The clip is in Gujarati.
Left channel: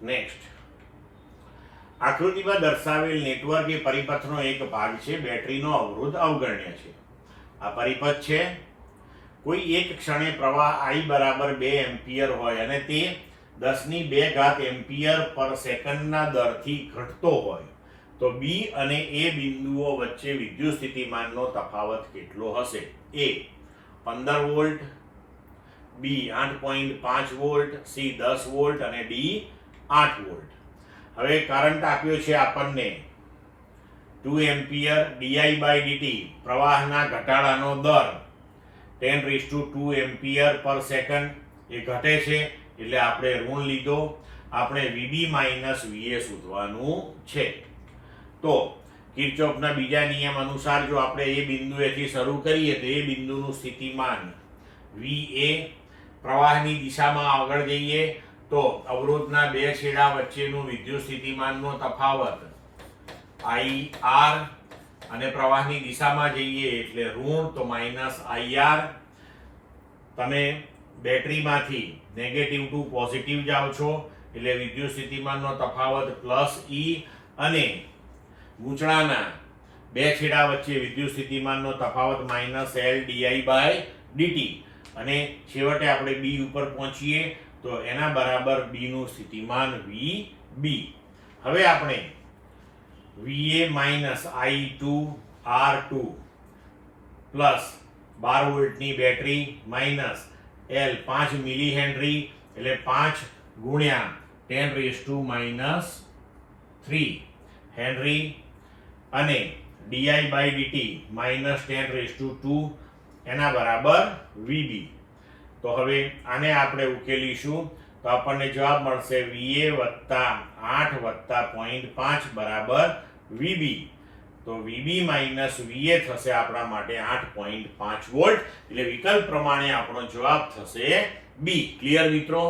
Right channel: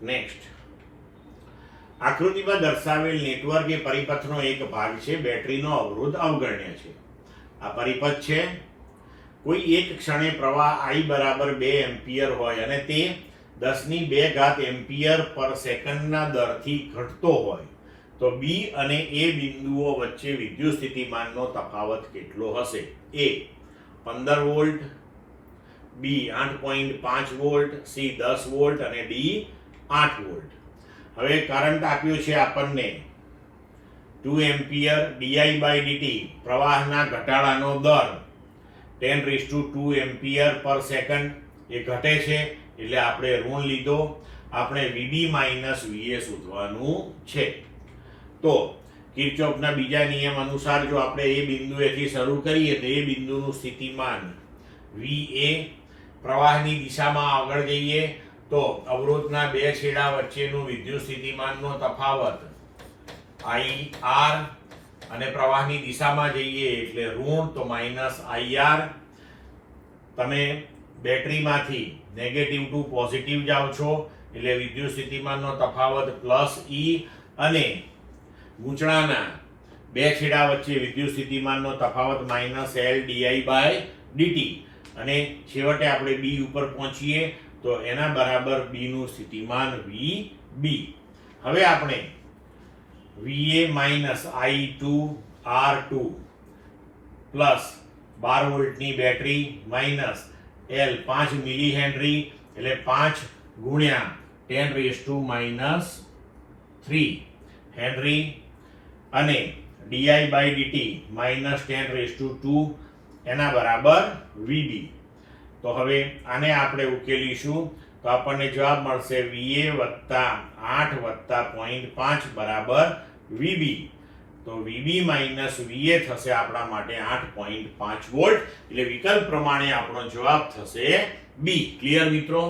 નેક્સ્ટ, આકૃતિમાં દર્શાવેલ નેટવર્ક એ પરિપથનો એક ભાગ છે. બેટરીનો અવરોધ અવગણ્ય છે. આ પરિપથ છે. કોઈ એક ક્ષણે પ્રવાહ I બરાબર 2 એમ્પિયર હોય અને તે 10⁵ એમ્પિયર પર સેકન્ડના દરથી ઘટતો હોય તો B અને A બિંદુઓ વચ્ચે વિદ્યુત સ્થિતિમાનનો તફાવત કેટલો હશે? A 15 volt, B 8.5 volt, C 10 volt અને D 8 વોલ્ટ. હવે કરંટ આપ્યો છે આપણને 2 એમ્પિયર, di/dt પ્રવાહના ઘટાડાનો દર 10⁻² એમ્પિયર પર સેકન્ડ એ ઘટે છે એટલે આપણે ઋણ લીધો. આપણે VB માઇનસ VA શોધવાનું છે. તો કિર્ચોફના બીજા નિયમ અનુસાર જો આપણે એ બિંદુએથી શરૂ કરીએ તો એ બિંદુનું સ્થિતિમાન VA, પ્રવાહની દિશામાં આગળ જઈએ તો અવરોધના બે છેડા વચ્ચેનું વિદ્યુત સ્થિતિમાનનો તફાવત IR અને પ્રવાહની દિશામાં જઈએ એટલે ઋણ તો માઇનસ IR. તમે બેટરીમાંથી નેગેટિવ ટુ પોઝિટિવ જાઓ છો એટલે વિદ્યુત સ્થિતિમાનનો તફાવત +E અને ગૂંચળાના બે છેડા વચ્ચે વિદ્યુત સ્થિતિમાનનો તફાવત -L di/dt અને છેવટે આપણે B ઉપર પહોંચીએ તો એના બરાબર B નું સ્થિતિમાન VB. હવે આપણે VA minus I2 R2 plus 12 વોલ્ટની battery minus L 5 milli henry એટલે 5 ગુણ્યા 10⁻³ હેનરી અને di/dt -10⁻² એના બરાબર VB. તો હવે આને આપણે ઉકેલીશું તો આપણને જવાબ મળશે VA + 8 + 0.5 બરાબર VB. તો VB માઇનસ VA થશે આપણા માટે 8.5 વોલ્ટ. એટલે વિકલ્પ પ્રમાણે આપણો જવાબ થશે B. ક્લિયર મિત્રો?